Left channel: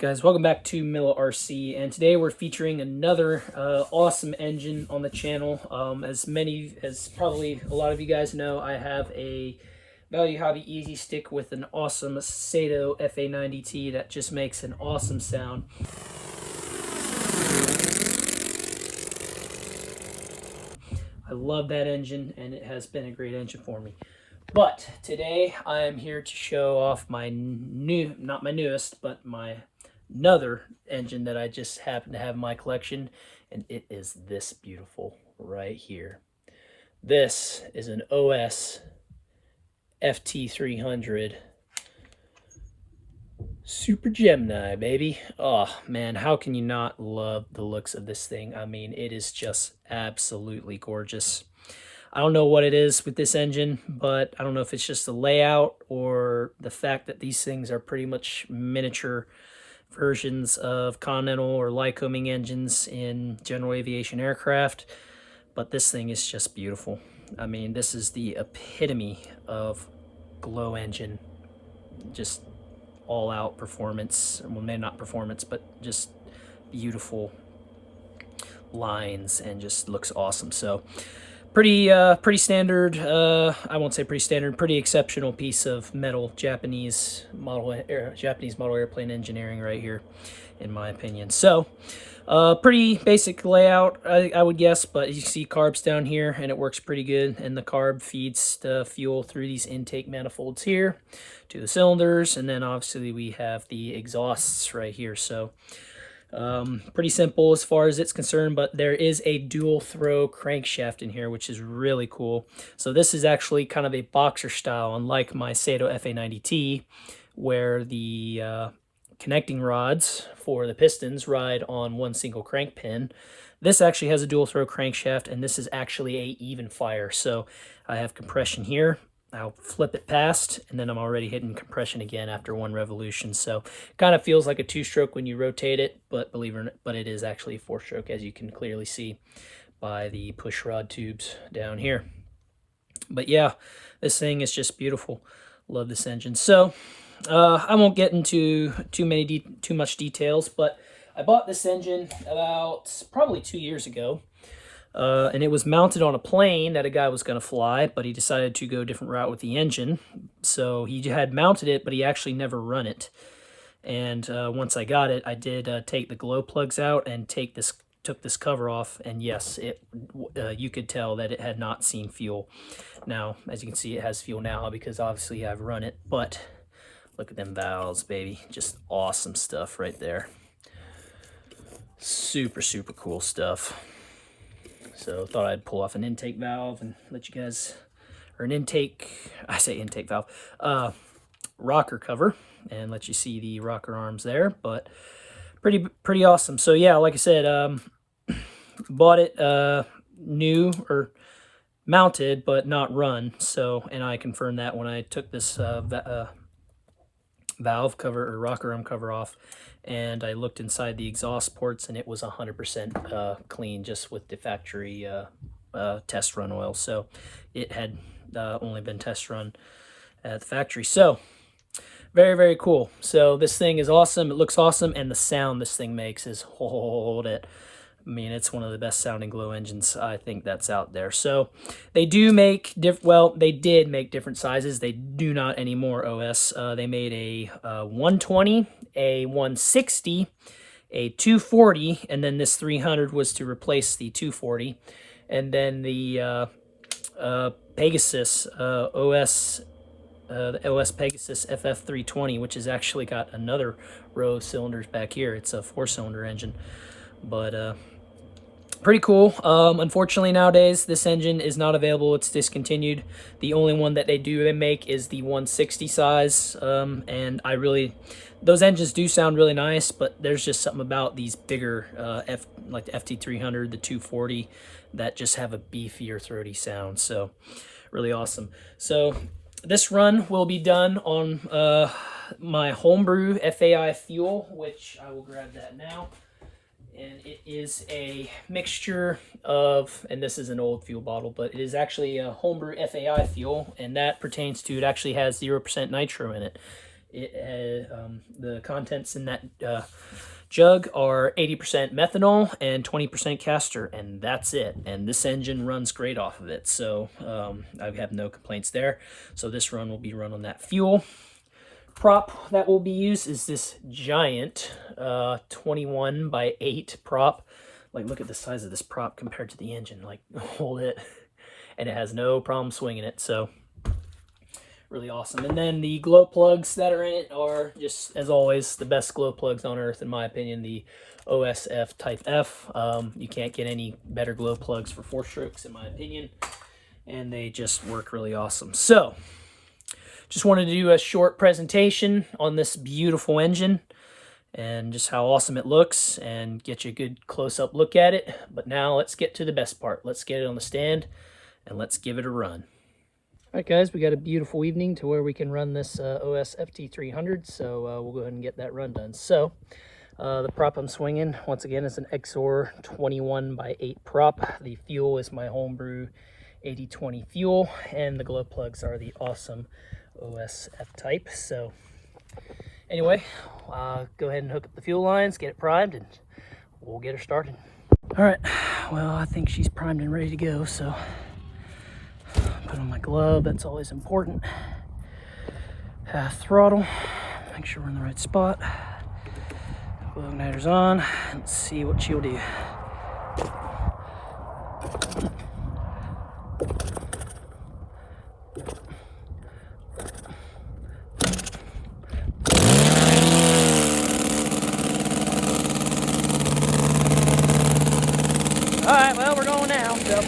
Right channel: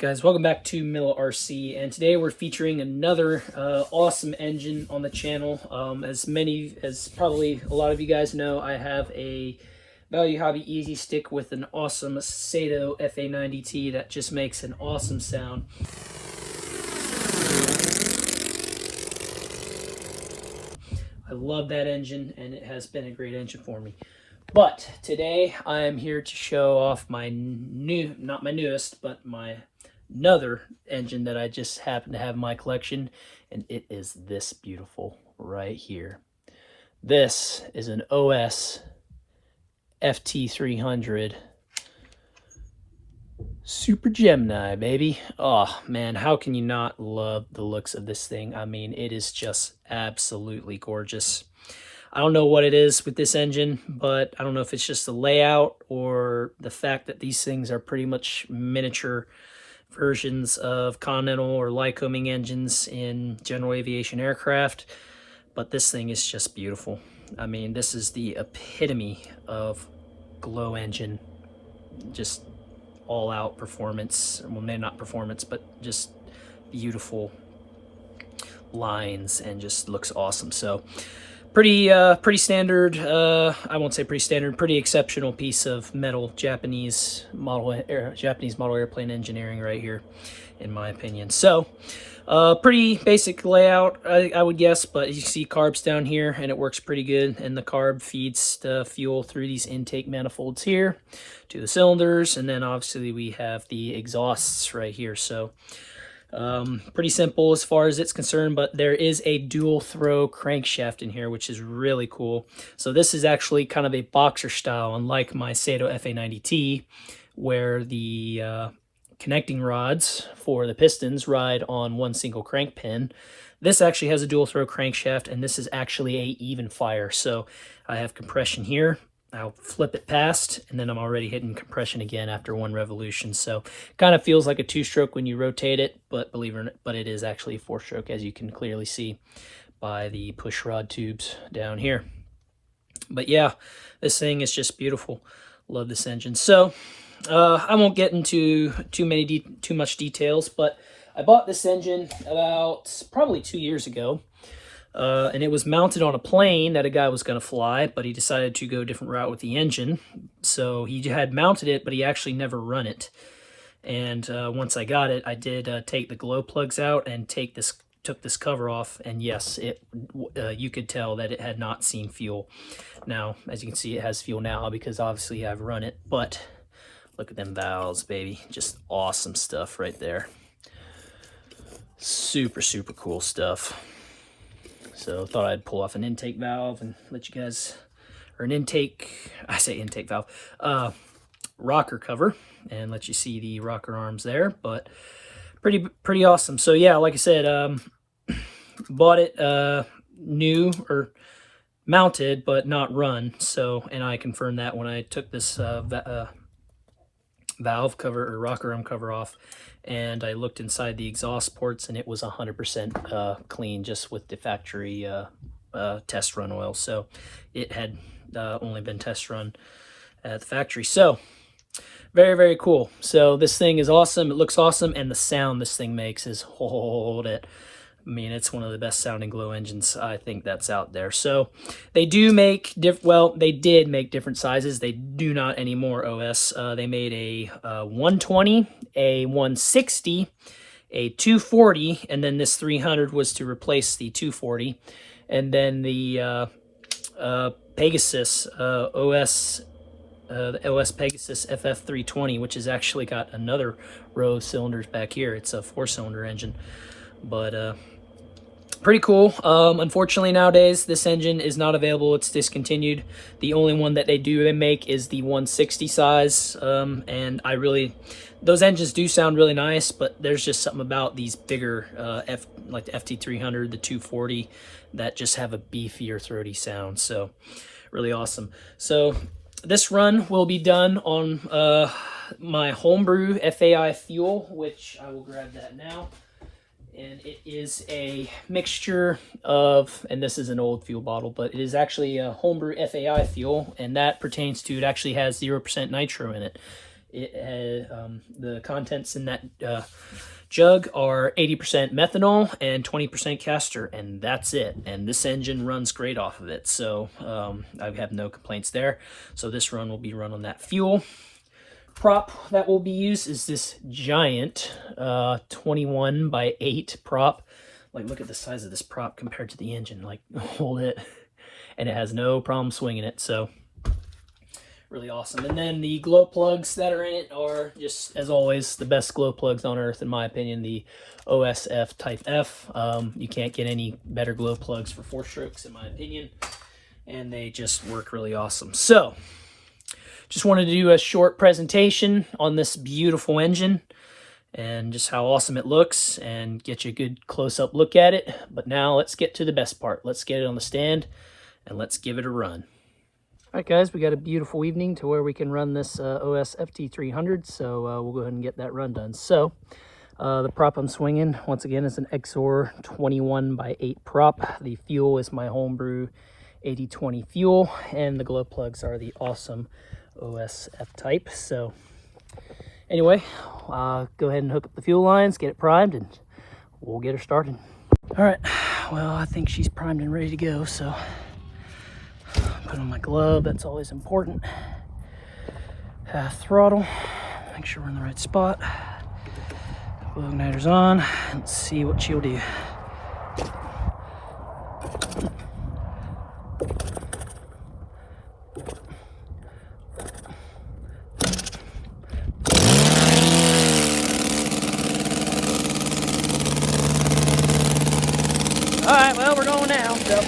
guys, welcome back to Milla RC, and today we're featuring another awesome engine on the channel. As probably a lot of you guys know, I have a Value Hobby Easy Stick with an awesome Sato FA90T that just makes an awesome sound. I love that engine, and it has been a great engine for me. But today I am here to show off my new, not my newest, but my another engine that I just happen to have in my collection, and it is this beautiful right here. This is an OS FT300 Super Gemini, baby. Oh man, how can you not love the looks of this thing? I mean, it is just absolutely gorgeous. I don't know what it is with this engine, but I don't know if it's just the layout or the fact that these things are pretty much miniature versions of Continental or Lycoming engines in general aviation aircraft. But this thing is just beautiful. I mean, this is the epitome of glow engine. Just all out performance. Well, maybe not performance, but just beautiful lines and just looks awesome. So pretty standard, I won't say pretty standard, pretty exceptional piece of metal Japanese model airplane engineering right here, in my opinion. So pretty basic layout, I would guess, but you see carbs down here, and it works pretty good. And the carb feeds the fuel through these intake manifolds here to the cylinders, and then obviously we have the exhausts right here. So pretty simple as far as it's concerned, but there is a dual throw crankshaft in here, which is really cool. So this is actually kind of a boxer style, unlike my Sato FA90T, where the connecting rods for the pistons ride on one single crank pin. This actually has a dual throw crankshaft, and this is actually a even fire. So I have compression here. I'll flip it past, and then I'm already hitting compression again after one revolution. So kind of feels like a two-stroke when you rotate it, but believe it or not, but it is actually a four-stroke, as you can clearly see by the push rod tubes down here. But yeah, this thing is just beautiful. Love this engine. So I won't get into too much details, but I bought this engine about probably 2 years ago. And it was mounted on a plane that a guy was going to fly, but he decided to go a different route with the engine. So he had mounted it, but he actually never run it. And once I got it, I did take the glow plugs out and took this cover off. And yes, you could tell that it had not seen fuel. Now, as you can see, it has fuel now because obviously I've run it. But look at them valves, baby. Just awesome stuff right there. Super, super cool stuff. So thought I'd pull off an intake valve and let you guys, or an intake, I say intake valve, rocker cover, and let you see the rocker arms there. But pretty awesome. So yeah, like I said, bought it new or mounted, but not run. So, and I confirmed that when I took this valve cover or rocker arm cover off, and I looked inside the exhaust ports, and it was 100% clean, just with the factory test run oil. So it had only been test run at the factory. So very, very cool. So this thing is awesome. It looks awesome, and the sound this thing makes is, hold it. I mean, it's one of the best sounding glow engines I think that's out there. So they do make they did make different sizes. They do not anymore, OS. They made a 120, a 160, a 240, and then this 300 was to replace the 240. And then the Pegasus OS, the OS Pegasus FF320, which has actually got another row of cylinders back here. It's a 4-cylinder engine. But pretty cool. Unfortunately, nowadays this engine is not available. It's discontinued. The only one that they make is the 160 size, and those engines do sound really nice, but there's just something about these bigger like the FT300, the 240, that just have a beefier, throaty sound. So really awesome. So this run will be done on my homebrew FAI fuel, which I will grab that now. And it is a mixture of, and this is an old fuel bottle, but it is actually a homebrew FAI fuel, and that pertains to, it actually has 0% nitro in it. The contents in that jug are 80% methanol and 20% castor, and that's it. And this engine runs great off of it, so I have no complaints there. So this run will be run on that fuel. Prop that will be used is this giant 21 by 8 prop. Like, look at the size of this prop compared to the engine. Like, hold it. And it has no problem swinging it, so really awesome. And then the glow plugs that are in it are just, as always, the best glow plugs on earth, in my opinion, the OSF Type F. You can't get any better glow plugs for 4-strokes, in my opinion, and they just work really awesome. So, just wanted to do a short presentation on this beautiful engine and just how awesome it looks and get you a good close-up look at it. But now let's get to the best part. Let's get it on the stand and let's give it a run. All right, guys, we got a beautiful evening to where we can run this OS FT300, so we'll go ahead and get that run done. So the prop I'm swinging, once again, is an Exor 21 by 8 prop. The fuel is my homebrew 8020 fuel, and the glow plugs are the awesome OSF type. So anyway, go ahead and hook up the fuel lines, get it primed, and we'll get her started. All right, well, I think she's primed and ready to go, so put on my glove, that's always important. Throttle, make sure we're in the right spot. Glow igniter's on. Let's see what she'll do. All right, well, we're going now, so.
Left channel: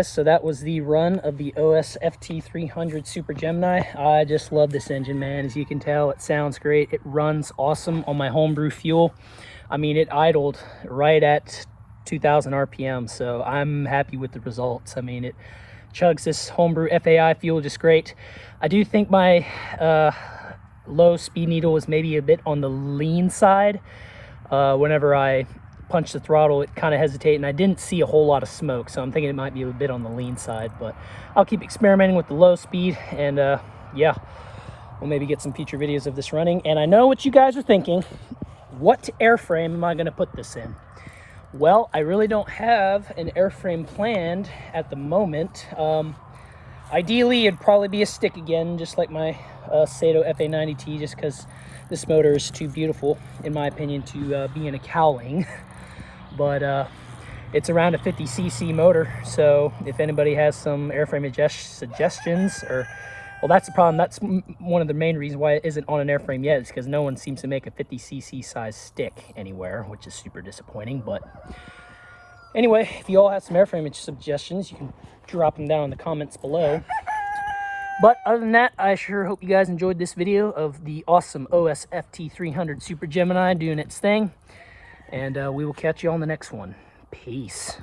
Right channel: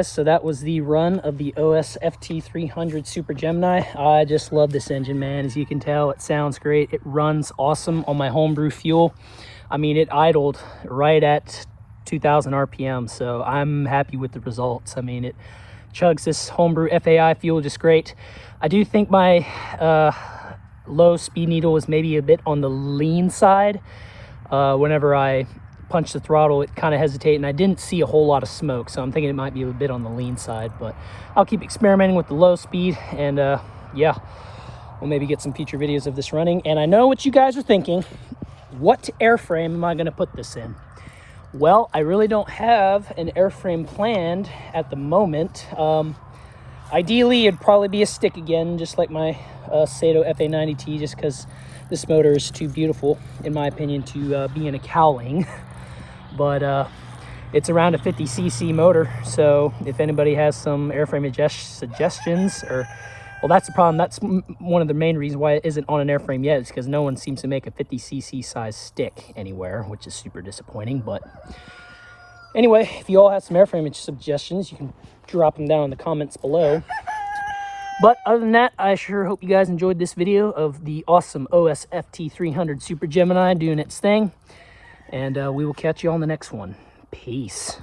guys, so that was the run of the OS FT300 Super Gemini. I just love this engine, man. As you can tell, it sounds great. It runs awesome on my homebrew fuel. I mean, it idled right at 2,000 RPM, so I'm happy with the results. I mean, it chugs this homebrew FAI fuel just great. I do think my low speed needle is maybe a bit on the lean side. Whenever I punch the throttle, it kind of hesitated, and I didn't see a whole lot of smoke, so I'm thinking it might be a bit on the lean side. But I'll keep experimenting with the low speed, and yeah, we'll maybe get some future videos of this running. And I know what you guys are thinking. What airframe am I going to put this in? Well, I really don't have an airframe planned at the moment. Ideally, it'd probably be a stick again, just like my Sato FA90T, just because this motor is too beautiful, in my opinion, to be in a cowling. But it's around a 50cc motor, so if anybody has some airframe suggestions, or, well, that's the problem. That's one of the main reasons why it isn't on an airframe yet, is because no one seems to make a 50cc size stick anywhere, which is super disappointing. But anyway, if you all have some airframe suggestions, you can drop them down in the comments below. But other than that, I sure hope you guys enjoyed this video of the awesome OS FT300 Super Gemini doing its thing. And we will catch you on the next one. Peace.